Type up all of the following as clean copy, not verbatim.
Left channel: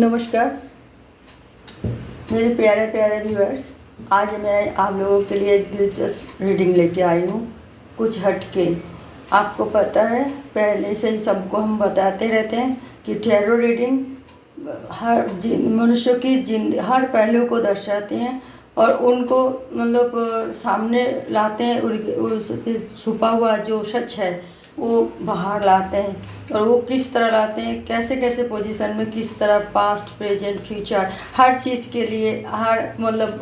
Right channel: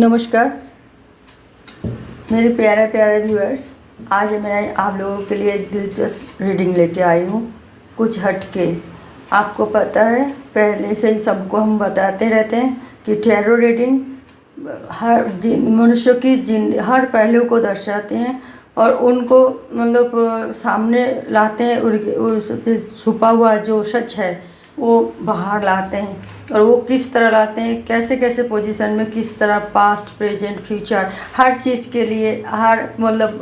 नमस्कार मेरे प्यारे प्यारे व्यूअर्स। आज मैं आप लोगों के लिए एक दिलचस्प रीडिंग लेके आई हूँ, कुछ हटके। आपको पता है, पहले से ही सबको हम बताते रहते हैं कि टैरो रीडिंग हर मनुष्य की हर पहलू को दर्शाते हैं और उनको मतलब सामने लाते हैं। उसके छुपा हुआ जो सच है वो बाहर लाते हैं। और वो किस तरह लाते हैं, कैसे कैसे पोजीशन में, किस तरह पास्ट प्रेजेंट फ्यूचर हर चीज़ के लिए हर मतलब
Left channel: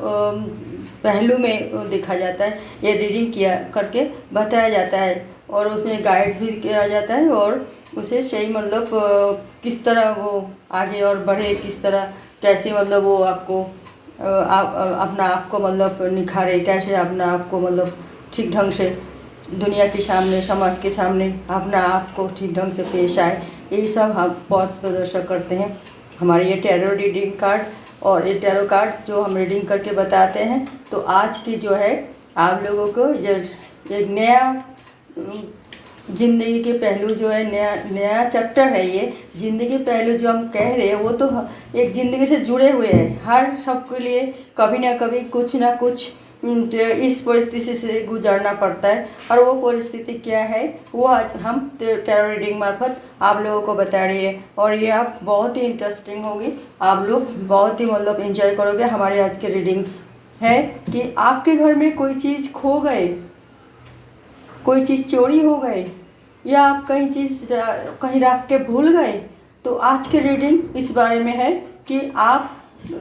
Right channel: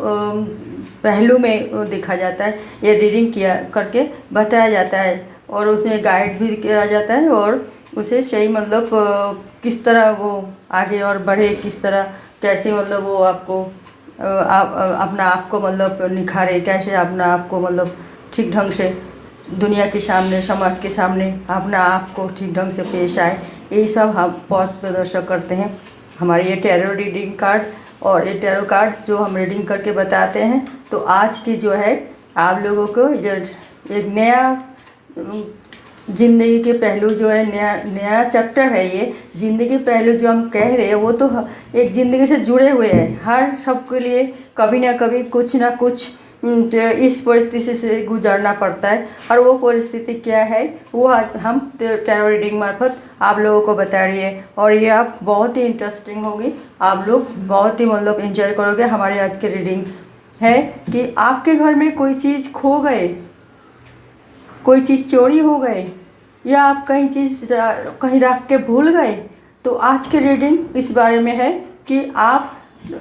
पहलू में वो देखा जाता है। ये रीडिंग किया करके बताया जाता है और उसमें गाइड भी किया जाता है और उसे सही मतलब किस तरह वो आगे और बढ़े, किस तरह कैसे मतलब वो आपको आप अपना आप को मतलब निखारे, कैसे अपना आप को मतलब ठीक ढंग से दुनिया के सामने, समाज के सामने अपना आप को ठीक ढंग से पेश आए। ये सब हम बहुत प्रदर्शन करते हैं। हमारे ये टैरो रीडिंग कार्ड और ये टैरो कार्ड जो हम रीडिंग करके बताते हैं। तो आज की जो है आप लोगों को एक नया ज़िंदगी के पहलू जो है, नया चैप्टर है। ये ज़िंदगी पहलू जो हम कह रहे हैं वो तो एक ज़िंदगी से जुड़े हुए हैं। हर सबके लिए कभी ना कभी कुछ ना कुछ इस परिस्थिति से गुजरना पड़ता है और वो परिस्थिति क्या है वो आज हम टैरो रीडिंग मार्फत आप लोगों को बता रही है। और ये आप बहुत ही इंटरेस्टिंग होगी, आप लोग बहुत ही मतलब एंजॉय करोगे। हमारी आज की रीडिंग है कि आपके घर में कोई चीज़ खो गए, कोई चीज़ चोरी हो गए या आप कहीं चीज़ कहीं रख के भूल गए। तो आज की रीडिंग इस बारे में है कि आप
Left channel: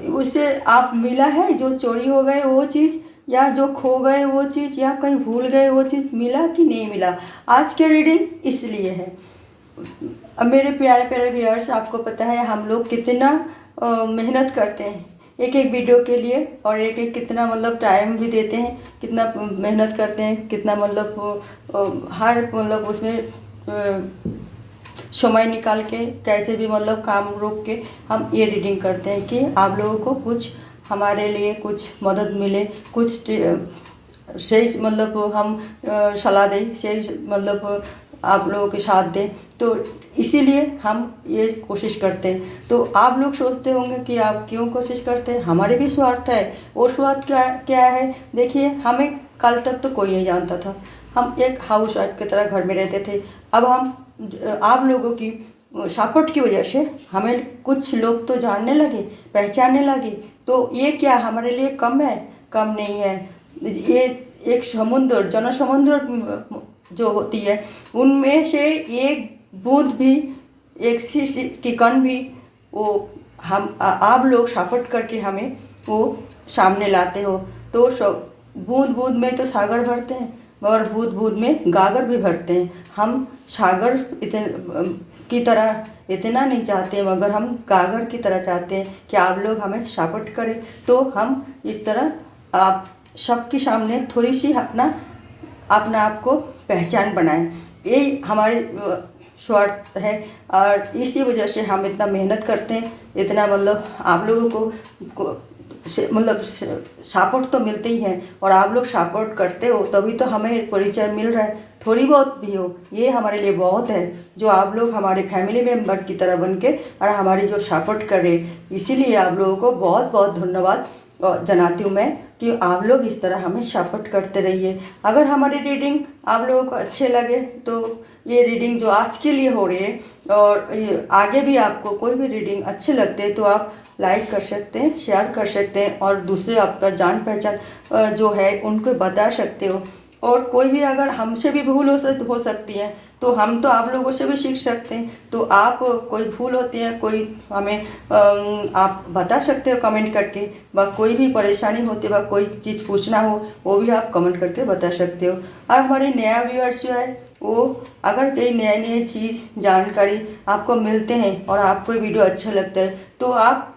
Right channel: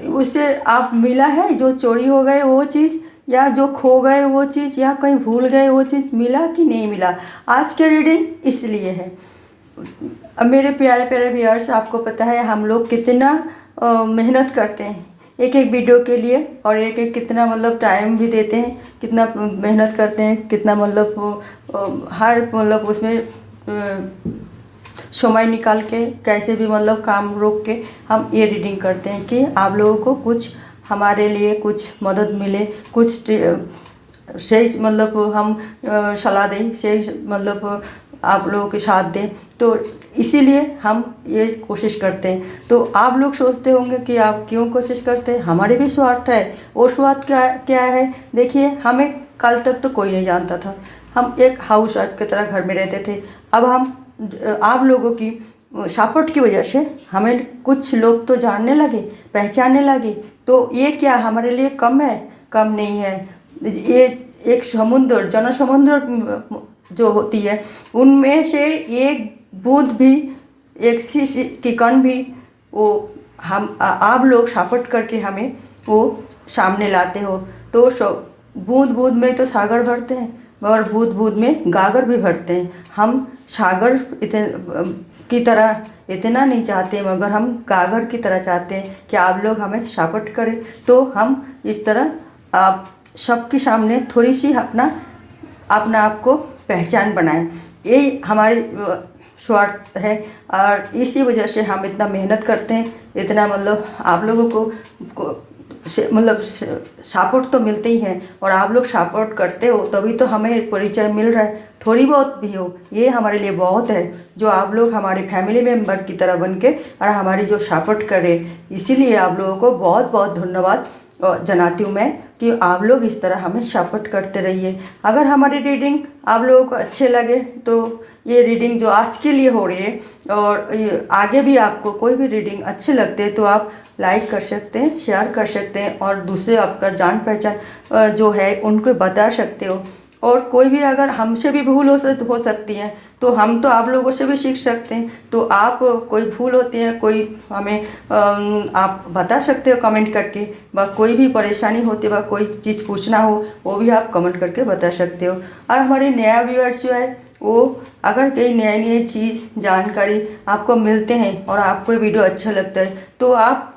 उसे आप मिला है जो चोरी हो गए वो चीज़, या जो खो गए वो चीज़, या कहीं भूल गए वो चीज़, मिला कि नहीं मिला। आज की रीडिंग इसलिए है। मेरे प्यारे प्यारे व्यूअर्स, आपको पता है हम लोग कितना मेहनत करते हैं एक एक वीडियो के लिए और एक एक कितना मतलब टाइम भी देते हैं, कितना मेहनत करते हैं, कितना मतलब हर मतलब उसमें समय निकाल के कैसे भी मतलब काम रोक के हम ये रीडिंग करते हैं कि आप लोगों को कुछ हमारे लिए कुछ मदद मिले, कुछ सही मतलब हम सलाह दें, सही मतलब आप लोगों के साथ दें। तो इसीलिए हम ये कोशिश करते हैं। तो आप लोग सोचते होंगे कि आप क्यों कोशिश करते हैं, हमारे भी स्वार्थ है। वो स्वार्थ क्या है, देखिए हमें कल तक तो कोई नहीं जानता था। हम एक हाउस वाइफ की तरह घर में रहते थे। अब हम आप लोगों की सपोर्ट की वजह से हमें कुछ लोग तो जानने लगे, पहचानने लगे। तो ये क्या हमारे लिए कम है? कम नहीं है। ये एक समुद्र, जनसमुद्र जो होती है उनमें से एक बूंद भी, एक सी की कण भी वो हम आप लोग सपोर्ट करके हमें वो सामने लाते हो। तो बूंद बूंद में तो सागर भरते हैं, मगर बूंद बूंद में गागर भी भरते हैं। हम सागर की तरह इतना नहीं चाहते, मगर हम गागर की तरह चाहते हैं कि आप लोग हमें सपोर्ट करें। तो हम इस तरह आप सबके सामने थोड़ी सी अपना आप को पहचान बनाएं। यही हमारी स्वार्थ है और इसी वजह से हम इतना मेहनत करते हैं। इतना मतलब आप लोगों को मतलब सपोर्ट तो मिलते ही हैं और आप लोग सपोर्ट करते हो तभी तो हमें परिचय मिल रहा है। थोड़ी बहुत भी हो, ये हमारे लिए बहुत है जो आप लोग हमारे फैमिली मेम्बर की तरह बन के और हमारी जो सपोर्ट कर रहे। इसीलिए आप लोगों को बहुत बहुत धन्यवाद जनाती हूँ मैं कि आप लोग इस तरह हमें सपोर्ट करते रहिए। अगर हमारी रीडिंग आप लोगों को अच्छे लगे तो ये रीडिंग जो आज के लिए हो रही है और आगे भी आपको कोई भी रीडिंग अच्छे लगते हैं तो आप लाइक कर सकते हैं, शेयर कर सकते हैं और दूसरे आपका जान पहचान जो है उनको बता सकते हो। और कोई भी अगर हमसे भी भूल हो सकती है तो हम तो आप लोगों से भी सीख सकते हैं। तो आप कोई भूल होती है, कोई हमें आप बता सकते हो कमेंट करके, व कोई भी परेशानी होती है, कोई चीज़ पूछना हो वो भी आप कमेंट करके बता सकते हो। और हमारे नया व्यूअर्स जो है वो अगर कई नए नए चीज़ जानकारी आपको मिलते हैं और आपको वीडियो अच्छा लगता है तो आप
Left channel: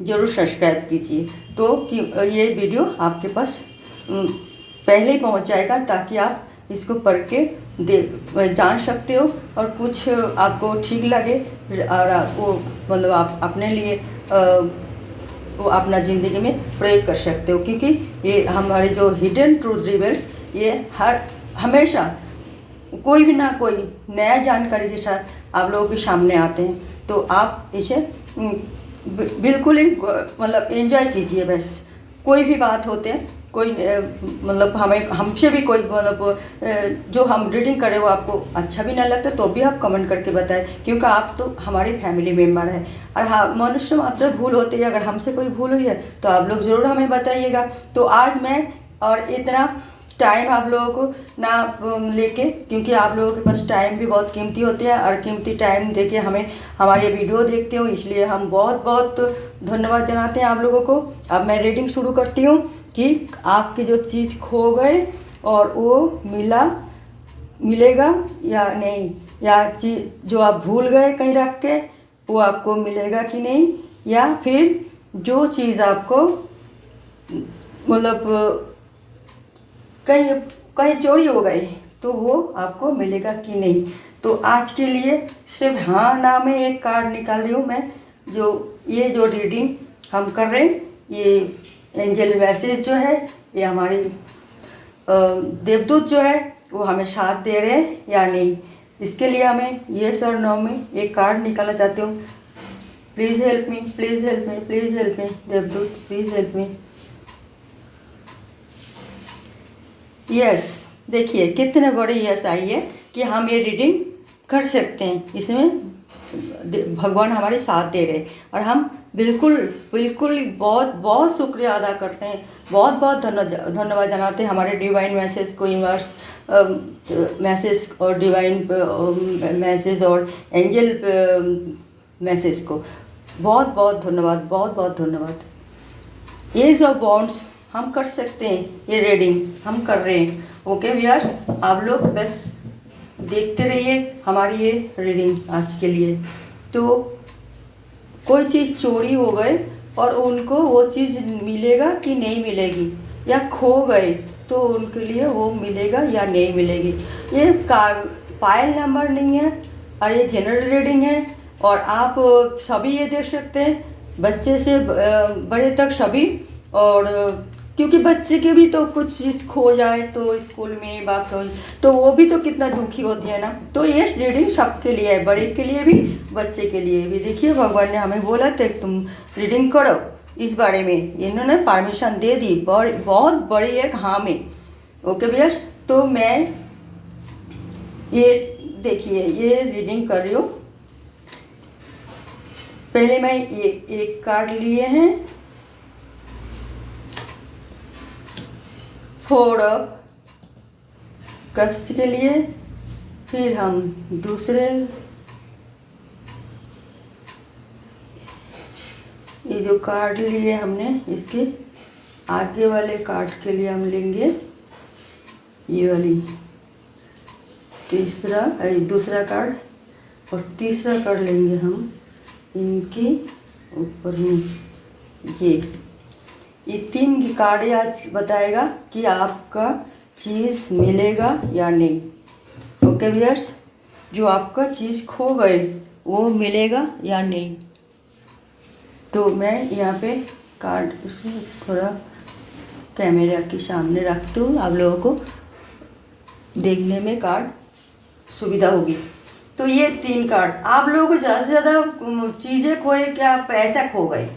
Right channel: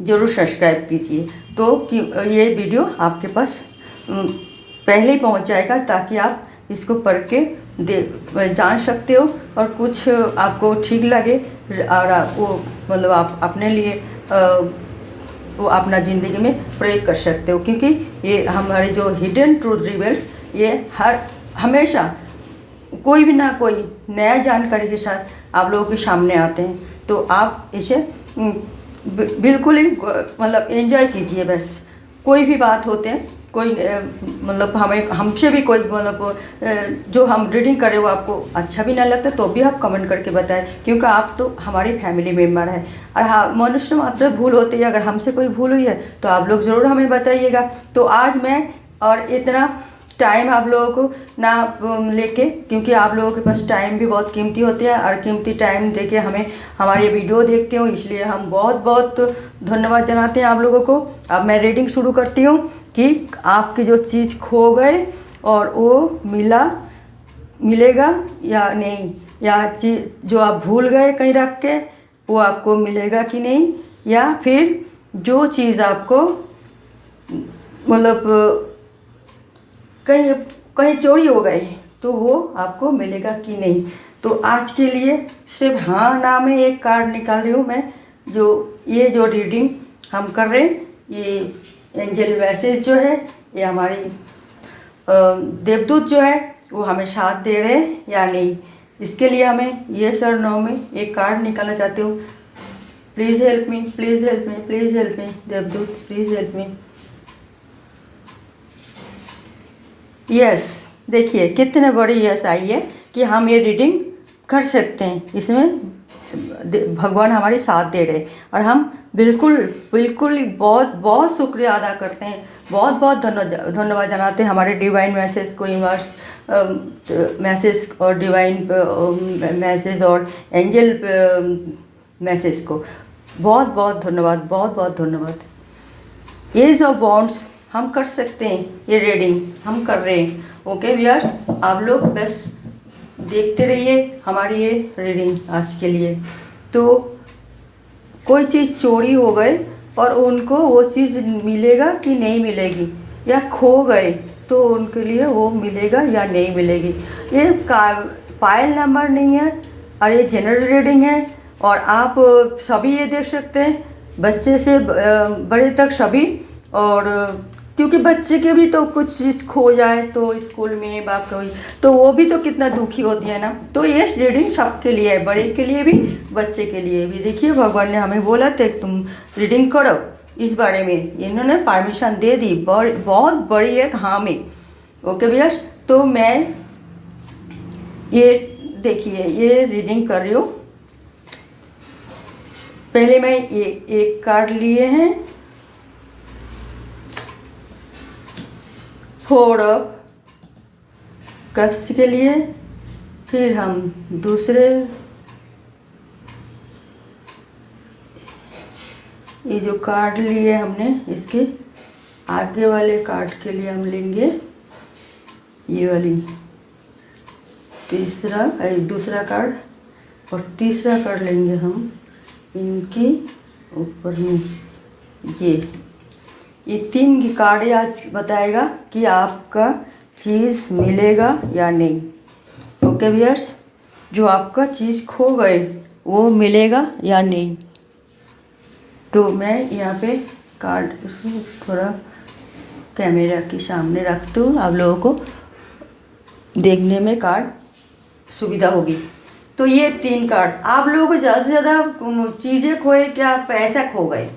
ज़रूर सब्सक्राइब कीजिए। तो कि ये वीडियो आपके पास पहले ही पहुंच जाएगा ताकि आप इसको पढ़ के जान सकते हो और कुछ आपको ठीक लगे और वो मतलब आप अपने लिए वो अपना ज़िंदगी में प्रयोग कर सकते हो। क्योंकि ये हमारे जो हिडन ट्रूथ रिवील्स ये हमेशा कोई भी ना कोई नया जानकारी के साथ आप लोगों के सामने आते हैं। तो आप इसे बिल्कुल ही मतलब एंजॉय कीजिए बस। कोई भी बात होते हैं, कोई मतलब हमें हमसे भी कोई मतलब जो हम रीडिंग करें वो आपको अच्छा भी नहीं लगता तो भी आप कमेंट करके बताएं, क्योंकि आप तो हमारी फैमिली मेम्बर है। और हाँ, मनुष्य मात्र भूल होती है, अगर हमसे कोई भूल हुई है तो आप लोग ज़रूर हमें बताइएगा। तो आज मैं और इतना टाइम आप लोगों को ना लेके, क्योंकि आप लोगों के पास टाइम भी बहुत कीमती होती है और कीमती टाइम देके हमें हमारी वीडियो देखते हो, इसलिए हम बहुत बहुत धन्यवाद जनाते हैं आप लोगों को। अब मैं रीडिंग शुरू करती हूँ कि आपकी जो चीज़ खो गए और वो मिलेगा या नहीं, या चीज़ जो आप भूल गए कहीं रख के वो आपको मिलेगा कि नहीं, या फिर जो चीज़ आपको मतलब कहीं कहीं चोरी हो गई तो वो आपको मिलेगा कि नहीं। तो आज के लिए सिर्फ हाँ ना में एक कार्ड निकाल रही हूँ मैं। ये जो रीडिंग हम कर रहे हैं, ये एंजल मैसेज जो है, ये हमारी देवदूत जो है वो हमें साथ दे रहे हैं या नहीं, इसके लिए हमें ये सर नो में एक कार्ड निकालना चाहती हूँ। Please help me, please help me, please help me देवदूत, प्लीज़ हेल्प मी। यस, देखिए कितने बड़ी यस आई है कि हम ये रीडिंग कर सकते हैं। इसमें भगवान हमारे साथ दे रहे और हम बिल्कुल बिल्कुल बहुत बहुत शुक्रिया अदा करते हैं, बहुत बहुत धन्यवाद जनाते हैं हमारे डिवाइन मैसेज को, यूनिवर्स मैसेज और डिवाइन मैसेज और एंजल मैसेज को बहुत बहुत धन्यवाद, बहुत बहुत धन्यवाद। एज ऑफ वॉन्ड्स हम कर सकते हैं, ये रीडिंग हम कर रहे हैं। ओके व्यूअर्स, आप लोग बस देखते रहिए हमारी ये रीडिंग आज के लिए। तो कोई चीज़ चोरी हो गए और उनको वो चीज़ मिलेगा कि नहीं मिलेगी, या खो गए तो उनके लिए वो मिलेगा या नहीं मिलेगी। ये पायल नंबर नहीं है और ये जनरल रीडिंग है और आप सभी ये देख सकते हैं, बच्चे से बड़े तक सभी। और क्योंकि बच्चे के भी तो कुछ चीज़ खो जाए तो स्कूल में बाकी तो वो भी तो कितना दुखी होती है ना। तो ये रीडिंग सबके लिए है, बड़े के लिए भी बच्चे के लिए भी। देखिए भगवान ने हमें बोला था तुम रीडिंग करो इस बारे में, इन्होंने परमिशन दे दी, बहुत बड़ी एक हाँ में। ओके भैया, तो मैं ये देखिए ये रीडिंग कर रही हूँ। पहले मैं ये एक कार्ड लिए हैं, 4 ऑफ कप्स के लिए, फिर हम दूसरे ये जो कार्ड लिए हमने इसके आगे वाले कार्ड के लिए हम लेंगे ये वाली दूसरा कार्ड, और तीसरा कार्ड लेंगे हम इनके ऊपर में। ये 3 कार्ड आज बताएगा कि आपका चीज़ मिलेगा या नहीं। ओके व्यूअर्स, जो आपका चीज़ खो गए वो मिलेगा या नहीं। तो मैं यहाँ पे कार्ड थोड़ा कैमरा के सामने रख दूँ, आप लोगों को देखने में कार्ड सुविधा होगी। तो ये 3 कार्ड, आप लोगों को ज़्यादा से ज़्यादा चीज़ें खोए, क्या पैसा खो गए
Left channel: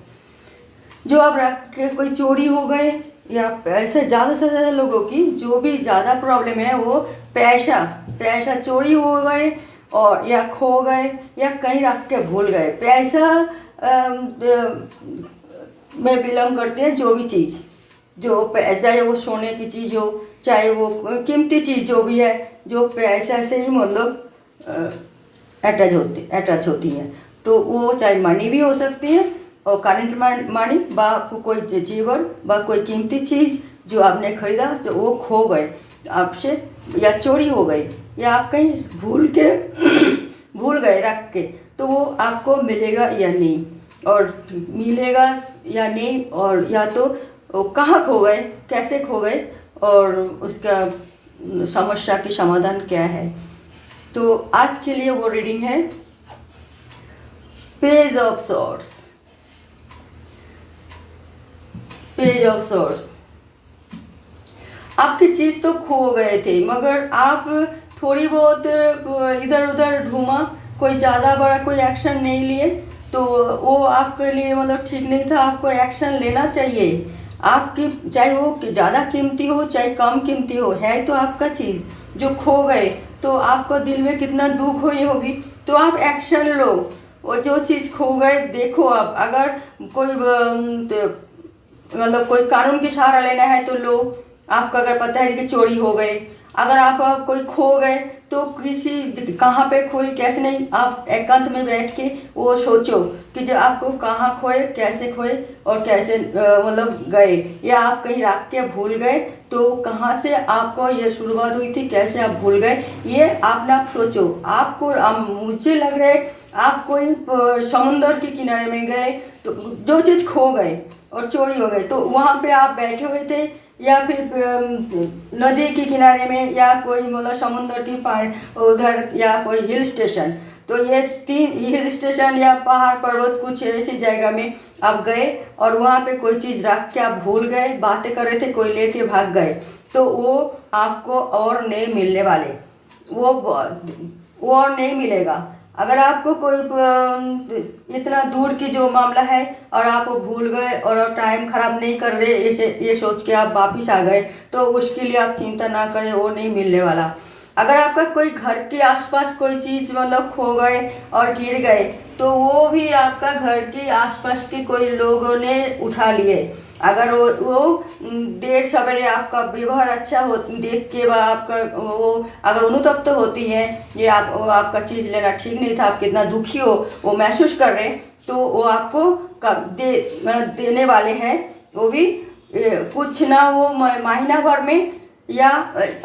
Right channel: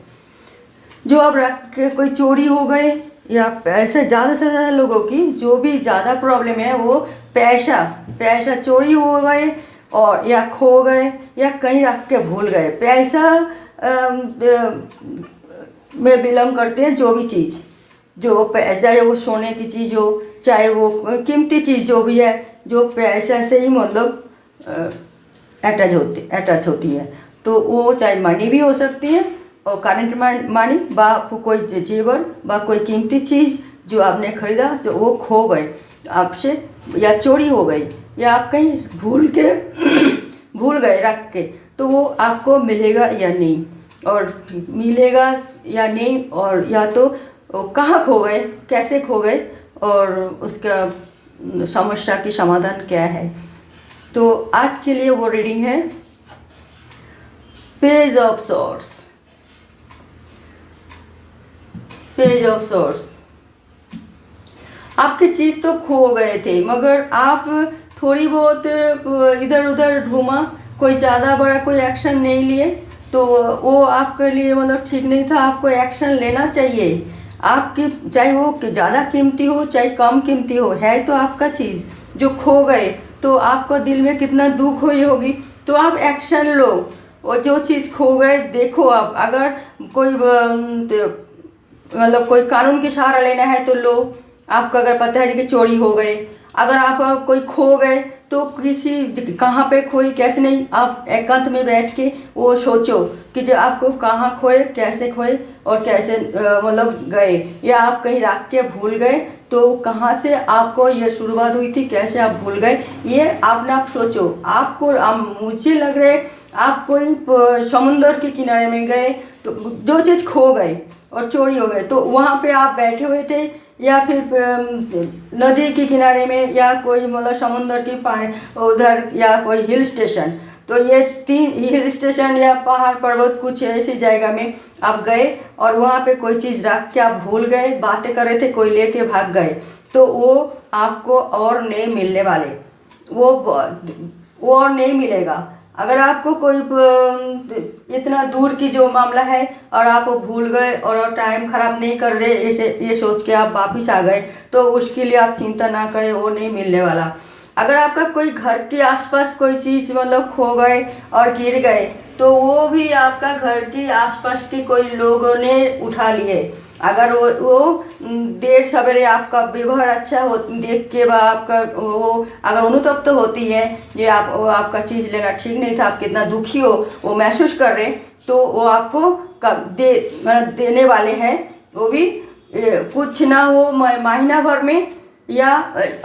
जो आप रख के कोई चोरी हो गए, या पैसे ज़्यादा से ज़्यादा लोगों की जो भी ज़्यादा प्रॉब्लम है वो पैसा चोरी हो गए और या खो गए या कहीं रख के भूल गए। पैसा में बिलोंग करते हैं जो भी चीज़, जो पैसा है वो सोने की चीज़ हो चाहे वो कीमती चीज़ जो भी है, जो पैसा से ही मतलब अटैच होती है। तो वो चाहे मनी भी हो सकती है और करंट मनी बा कोई जेवर बा कोई कीमती चीज़ जो आपने खरीदा जो वो खो गए आपसे, या चोरी हो गई, या आप कहीं भूल गए रख के, तो वो आपको मिलेगा या नहीं, और मिलेगा या नहीं, और या तो कहाँ खो गए, कैसे खो गए, और उसका समस्या की समाधान क्या है। तो आज के लिए वो रीडिंग है page of swords. Page of swords, आपकी चीज़ तो खो गए थे मगर आप थोड़ी बहुत इधर उधर घूमा, कोई ज़्यादा बड़ा कोई एक्शन नहीं लिए, तो वो आपके लिए मतलब ठीक नहीं था। आपको एक्शन लेना चाहिए। आपकी चाहे वो ज़्यादा कीमती हो चाहे कम कीमती हो, है तो आपका चीज़ जो खो गए तो आपको दिल में कितना दुख हुई होगी। तो आप एक्शन लो। और जो चीज़ खो गए देखो, आप अगर कोई मतलब कोई कानून की सहारा लेना है तो लो। आपको अगर पता है कि चोरी हो गए, अगर आप कोई खो गए तो किसी कहाँ पे खोए कैसे नहीं, आप एकांत में बैठ के वो सोचो कि जो आपको कहाँ खोए, कैसे खोए और कैसे मतलब गए, या आप कहीं रख के भूल गए तो कहाँ से आपको ये शुरुआत हुई थी, कैसे आप भूल गए, ये आपने आप सोचो। आपको मुझे लग रहा है आप कोई समुंदर के किनारे में गए तो जो चीज़ खो गए और चोरी हो गए, तो वहाँ पे आप बैठे हुए थे या फिर नदी के किनारे में या कोई मतलब समुद्र की पानी उधर या कोई हिल स्टेशन। तो ये 3 हिल स्टेशन या पहाड़ पर्वत कुछ ऐसी जगह में आप गए और वहाँ पे कोई चीज़ रख के आप भूल गए, बातें कर रहे थे, कोई लेके भाग गए, तो वो आपको और नहीं मिलने वाले, वो और नहीं मिलेगा। अगर आपको कोई इतना दूर की जो मामला है और आप वो भूल गए और टाइम खराब नहीं कर रहे, ये सोच के आप वापिस आ गए, तो उसके लिए आप चिंता ना करें, वो नहीं मिलने वाला। अगर आपका कोई घर के आसपास कोई चीज़ मतलब खो गए और गिर गए, तो वो भी आपका घर के आसपास के कोई लोगों ने उठा लिए। अगर वो देर सवेरे आपका व्यवहार अच्छा हो देख के आपका वो अगर अनुतप्त होती है, ये आपका चीज़ लेना ठीक नहीं था, आप कितना दुखी हो वो महसूस कर रहे, तो वो आपको मतलब देने वाले हैं। वो भी कुछ ना हो महीना भर में या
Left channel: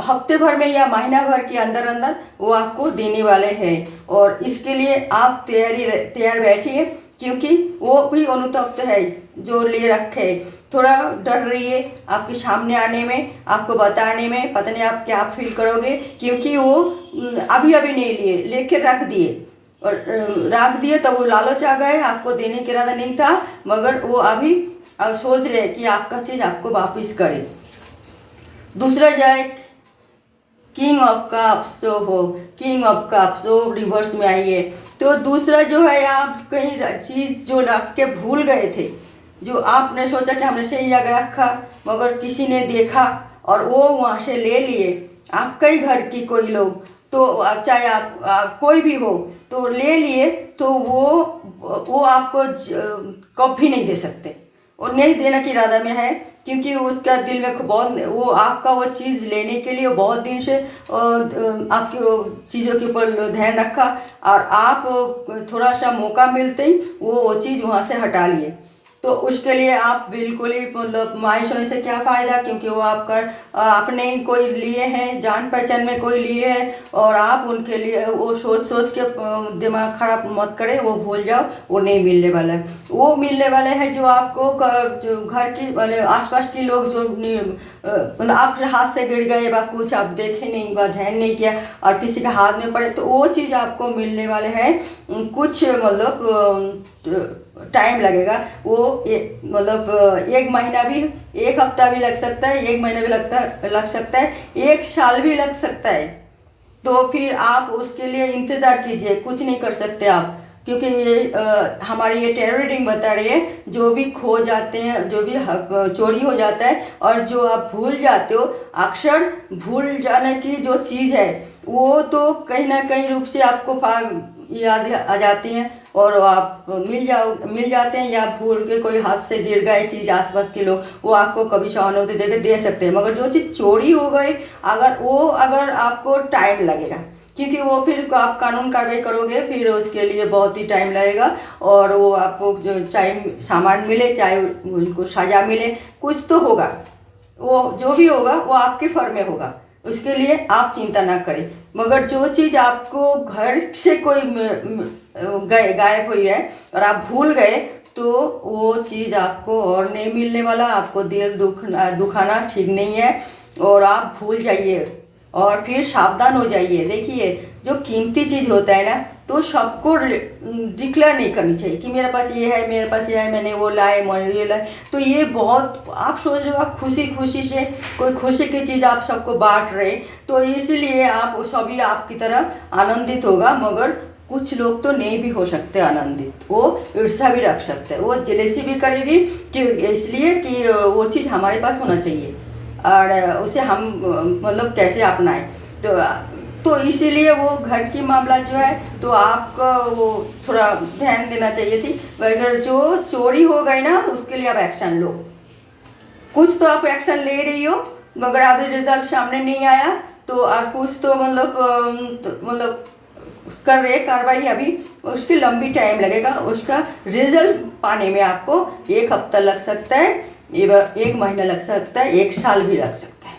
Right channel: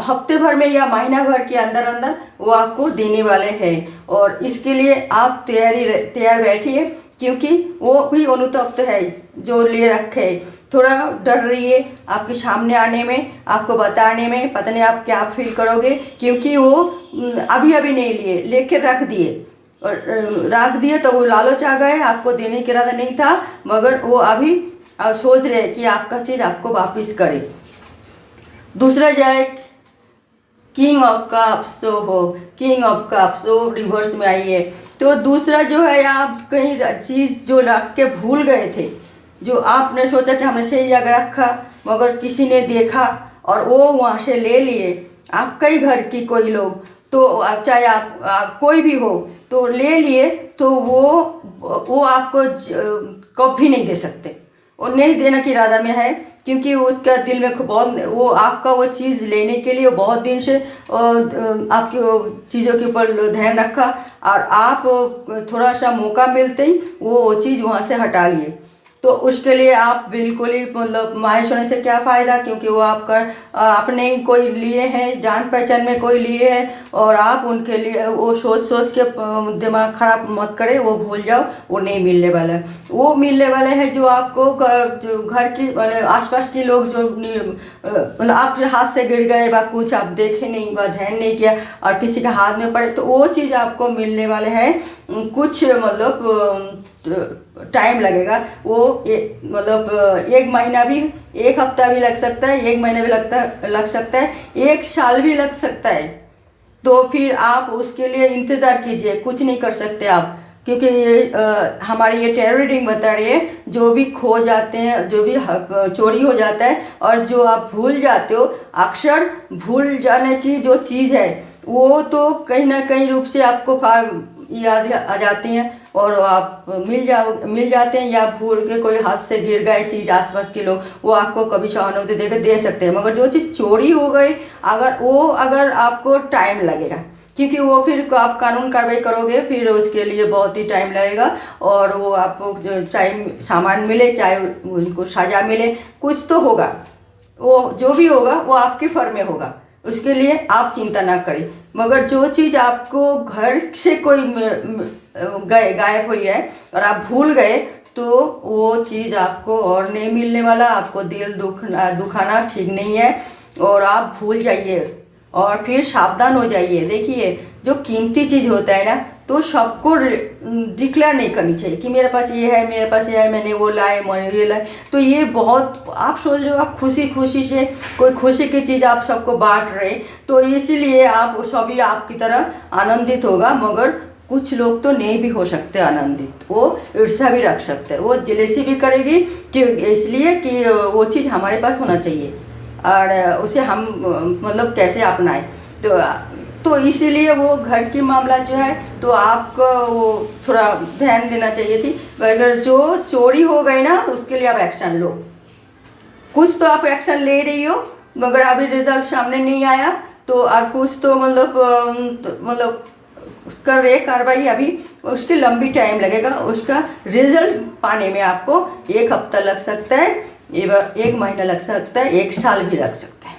हफ्ते भर में या महीना भर के अंदर अंदर वो आपको देने वाले हैं। और इसके लिए आप तैयार बैठिए, क्योंकि वो भी अनुतप्त है जो ले रखे। थोड़ा डर रही है आपके सामने आने में, आपको बताने में, पता नहीं आप क्या फील करोगे, क्योंकि वो अभी नहीं लिए, लेके रख दिए और रख दिए तो वो लालच आ गए, आपको देने का इरादा नहीं था, मगर वो अभी सोच रहे कि आपका चीज़ आपको वापिस करे। दूसरा जाए किंग ऑफ कप्स, जो हो किंग ऑफ कप्स वो रिवर्स में आई है। तो दूसरा जो है, आप कहीं चीज़ जो रख के भूल गए थे, जो आपने सोचा कि हमने सही जगह रखा, मगर किसी ने देखा और वो वहाँ से ले लिए, आपका ही घर की कोई लोग, तो चाहे आप कोई भी हो, तो ले लिए, तो वो आपको कभी नहीं दे सकते, और नहीं देने की इरादा में है, क्योंकि उसका दिल में बहुत वो आपका वो चीज़ लेने के लिए बहुत दिन से आपकी चीज़ों के ऊपर ध्यान रखा, और आप थोड़ा सा मौका मिलते ही वो चीज़ वहाँ से हटा लिए। तो उसके लिए आप बिल्कुल ही मतलब मायूस होने से क्या फ़ायदा, क्योंकि वो आपका अपने ही कोई लिए हैं, जान पहचान में कोई लिए हैं, और आप उनके लिए वो सोच के दिमाग खराब मत करें, वो भूल जाओ, वो नहीं मिलने वाला है। वो मिलने वाले हैं जो आपको जो घर की मतलब आसपास के लोग जो मतलब आपके हाथ से गिर गए व कुछ आप देखे नहीं व ध्यान नहीं किया और किसी के हाथ में पड़े, तो वो चीज़ आपको मिलने वाले हैं। कुछ मतलब टाइम लगेगा, वो मतलब 1 महीना भी, 1 हफ्ता भी लग सकता है, 1 महीना भी लग सकता है, 1 साल भी लग सकता है। तो फिर आप उसके लिए इंतज़ार कीजिए, कुछ नहीं कर सकते आप, क्योंकि ये हमारी ये टैरो रीडिंग बता रही है, जो भी खो जाते हैं, जो भी चोरी हो जाता है और जो आप भूल जाते हो, अक्सर भूल जाने की जो चीज़ है वो तो कहीं ना कहीं रूप से आपको याद आ जाती हैं और आप मिल जाते हैं, या भूल के कोई हाथ से गिर गए चीज़, आसपास के लोग वो आपको कभी सहानुभूति देकर दे सकते हैं। मगर जो चीज़ चोरी हो गई, अगर आपको टाइम लगेगा, क्योंकि वो फिर आप कानून कार्रवाई करोगे, फिर उसके लिए बहुत ही टाइम लगेगा, और वो आपको चाहे सामान मिले चाहे उनको सजा मिले, कुछ तो होगा, वो जो भी होगा वो आपके फर में होगा, उसके लिए आप चिंता ना करें। मगर जो चीज़ आपको घर से कोई गायब हुई है और आप भूल गए, तो वो चीज़ आपको और नहीं मिलने वाला। आपको दिल दुखाना ठीक नहीं है, और आप भूल जाइए और फिर सावधान हो जाइए। देखिए, जो कीमती चीज़ होता है ना, तो सबको डिक्लेयर नहीं करनी चाहिए कि मेरे पास ये है, मेरे पास ये है, मैंने वो लाए, मैंने ये लाए। तो ये बहुत आप सोच रहे हो, आप खुशी से कोई खुशी की चीज़ आप सबको बांट रहे, तो इसीलिए आप सभी आपकी तरह आनंदित होगा, मगर कुछ लोग तो नहीं भी हो सकते आनंदित, वो ईर्ष्या भी रख सकते हैं, वो जेलेसी भी करेगी कि इसलिए कि वो चीज़ हमारे पास होना चाहिए और उसे हम मतलब कैसे अपनाएं। तो इसीलिए वो घर की मामला जो है तो आपको वो थोड़ा ध्यान देना चाहिए थी। अगर जो चोरी हो गई ना उसके लिए आप एक्शन लो, कुछ तो आप एक्शन ले रही हो मगर अभी रिजल्ट सामने नहीं आया तो और कुछ तो मतलब कर रहे कार्रवाई अभी, उसकी लंबी टाइम लगेगा, उसका रिजल्ट पाने में आपको 1 हफ्ता लग सकता है, 1 महीना लग सकता है, 1 साल भी लग सकता है।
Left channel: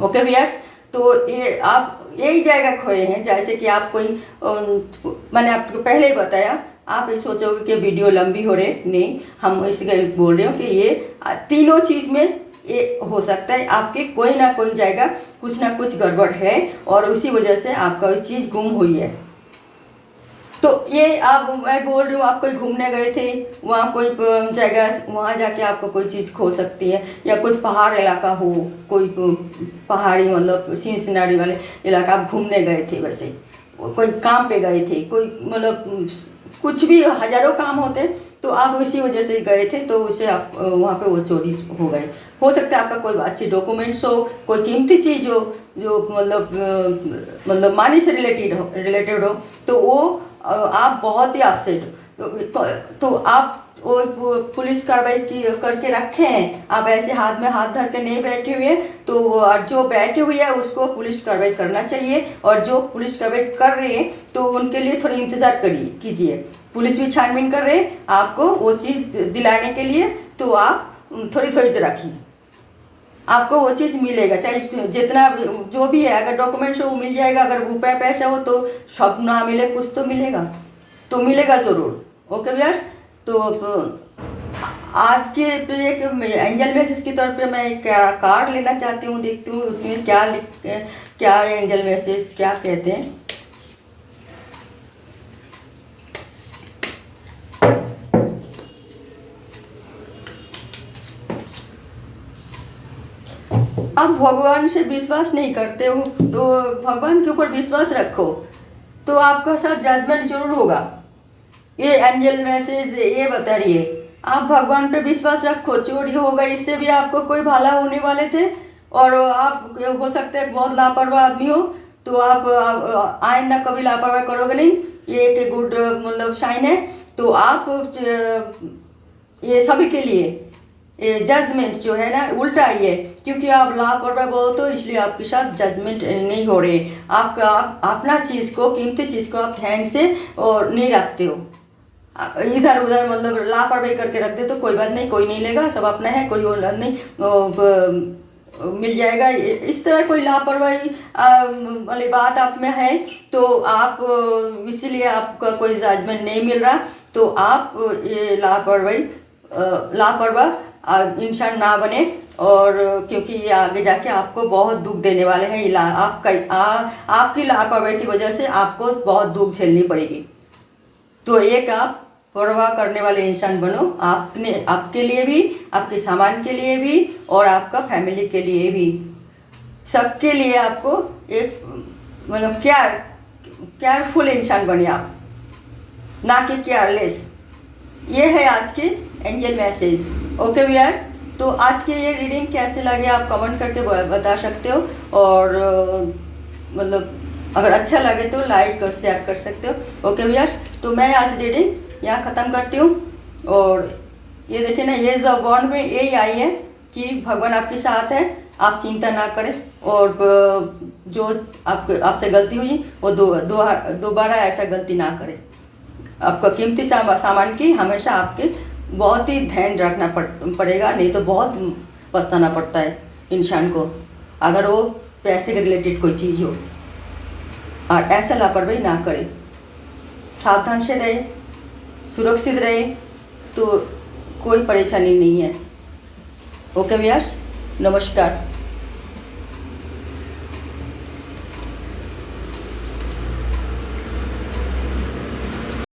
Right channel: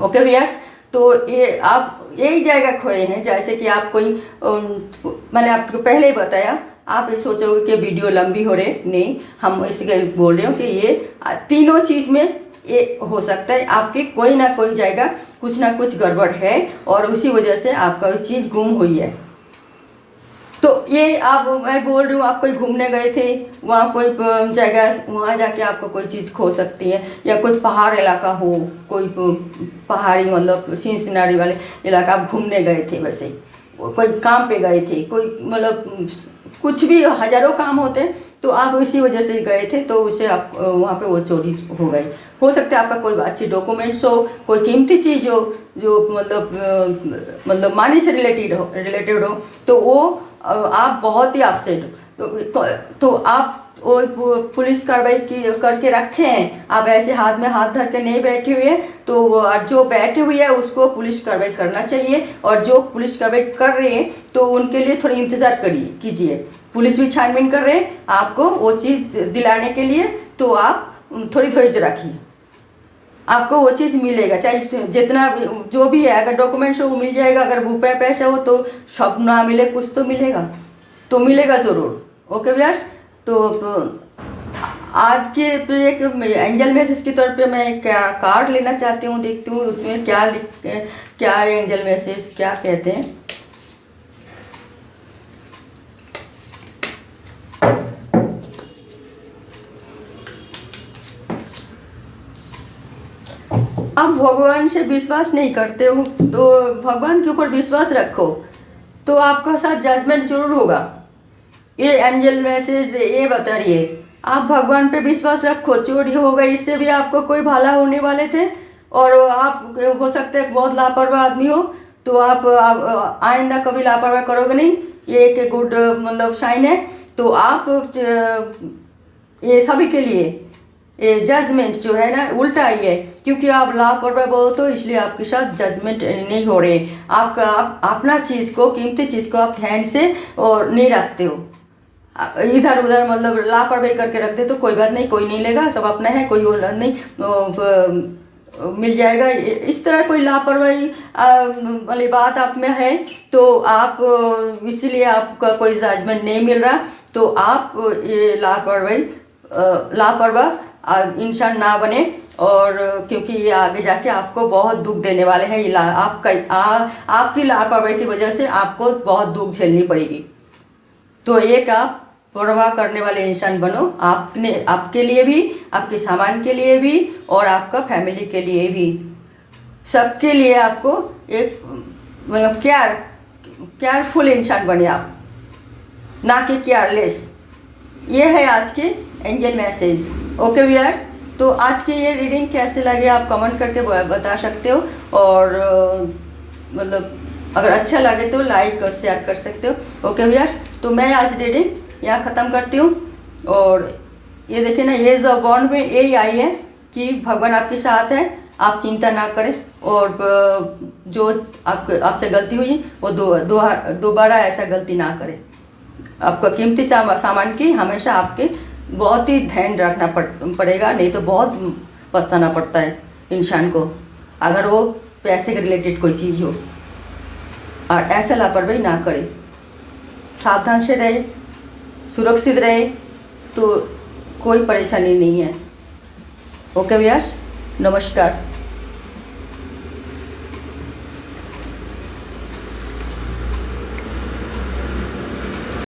ओके व्यूअर्स, तो ये आप यही जगह खोए हैं जैसे कि आप कोई मैंने आपको पहले ही बताया, आप ये सोचोगे कि वीडियो लंबी हो रही, नहीं, हम इसके बोल रहे हो कि ये तीनों चीज़ में ये हो सकता है आपके कोई ना कोई जगह कुछ ना कुछ गड़बड़ है और उसी वजह से आपका कोई चीज़ गुम हुई है। तो ये आप मैं बोल रही हूँ, आप कोई घूमने गए थे, वहाँ कोई जगह, वहाँ जाके आपको कोई चीज़ खो सकती है, या कोई पहाड़ इलाका हो, कोई पहाड़ी मतलब सीन सिनारी वाले इलाका आप घूमने गए थे, वैसे कोई काम पे गए थे, कोई मतलब कुछ भी हजारों काम होते तो आप इसी वजह से गए थे तो उसे आप वहाँ पे वो चोरी हो गए। हो सकता है आपका कोई अच्छी डॉक्यूमेंट्स हो, कोई कीमती चीज़ हो जो मतलब मनी से रिलेटेड हो तो वो आप बहुत ही अपसेट तो आप वो पुलिस कार्रवाई की करके रखे हैं, आप ऐसे हाथ में हाथ धर के नहीं बैठे हुए तो जो बैठे हुए हैं उसको पुलिस कार्रवाई करना चाहिए, और जो पुलिस कार्रवाई कर रहे हैं तो उनके लिए थोड़ी इंतज़ार कीजिए। पुलिस भी छानबीन कर रहे हैं आपको वो चीज़ दिलाने के लिए, तो आप थोड़ी धैर्य रखिए, आपको वो चीज़ मिलेगा, चाहे जितना जो भी है, अगर डॉक्यूमेंट्स हो वो मिल जाएगा, अगर रुपये पैसा हो तो सब ना मिले कुछ तो मिलेगा, तो मिलेगा ज़रूर। ओके व्यूअर्स, तो आज के एक एंजल मैसेज के तौर पे मैं एक कार्ड लेना चाहती हूँ, देखती हूँ उसमें क्या है एंजल मैसेज क्या कहते हैं। आप भगवान से विश्वास नहीं करते हो तो भगवान के ऊपर विश्वास रखो, तो आपका साथ जजमेंट जरूर होगा। ये एंजल मैसेज ये बता रही है, आप भगवान पे विश्वास रखो, चोरी होगा इससे भी आपको कोई भला होने वाले थे, और आप हो सकता है बहुत लापरवाह आदमी हो तो आप आइंदा कभी लापरवाह करोगे नहीं, ये एक गुड मतलब साइन है। तो आप ये सभी के लिए ये जजमेंट जो है ना उल्टा ही है, क्योंकि आप लापरवाह बोलते हो इसलिए आपके साथ जजमेंट नहीं हो रहे, आप अपना चीज़ को कीमती चीज़ को आप ध्यान से और नहीं रखते हो, इधर उधर मतलब लापरवाही करके रखते तो कोई बात नहीं, कोई नहीं लेगा, सब अपना है, कोई वो नहीं मिल जाएगा। इस तरह कोई लापरवाही वाली बात आप में है तो आप इसीलिए आपका कोई जजमेंट नहीं मिल रहा, तो आप ये लापरवाह इंसान ना बने, और क्योंकि ये आगे जाके आपको बहुत दुख देने वाले हैं, आपकी लापरवाही की वजह से आपको बहुत दुख झेलनी पड़ेगी। तो एक आप परवाह करने वाले इंसान बनो, आपके लिए भी, आपके सामान के लिए भी, और आपका फैमिली के लिए भी, सबके लिए आपको एक मतलब केयरफुल इंसान बने आप, ना कि केयरलेस। ये है आज के एंजल मैसेज। ओके व्यूअर्स, तो आज के ये रीडिंग कैसे लगे आप कमेंट करके बता सकते हो, और मतलब अगर अच्छा लगे तो लाइक और शेयर कर सकते हो। ओके व्यूअर्स, तो मैं आज रीडिंग यहाँ ख़त्म करती हूँ, और ये देखिए ना, ये जो बॉन्ड में यही आई है कि भगवान आपके साथ है, आप चिंता ना करें, और जो आपसे गलती हुई वो दोबारा ऐसा गलती ना करें। आपका कीमती सामान की हमेशा आपके बहुत ही ध्यान रखना पड़ेगा, नहीं तो बहुत पछताना पड़ता है इंसान को अगर वो पैसे के रिलेटेड कोई चीज़ हो, और ऐसा लापरवाही ना करे, सावधान से रहे, सुरक्षित रहे, तो कोई परेशानी नहीं है। ओके व्यूअर्स, नमस्कार।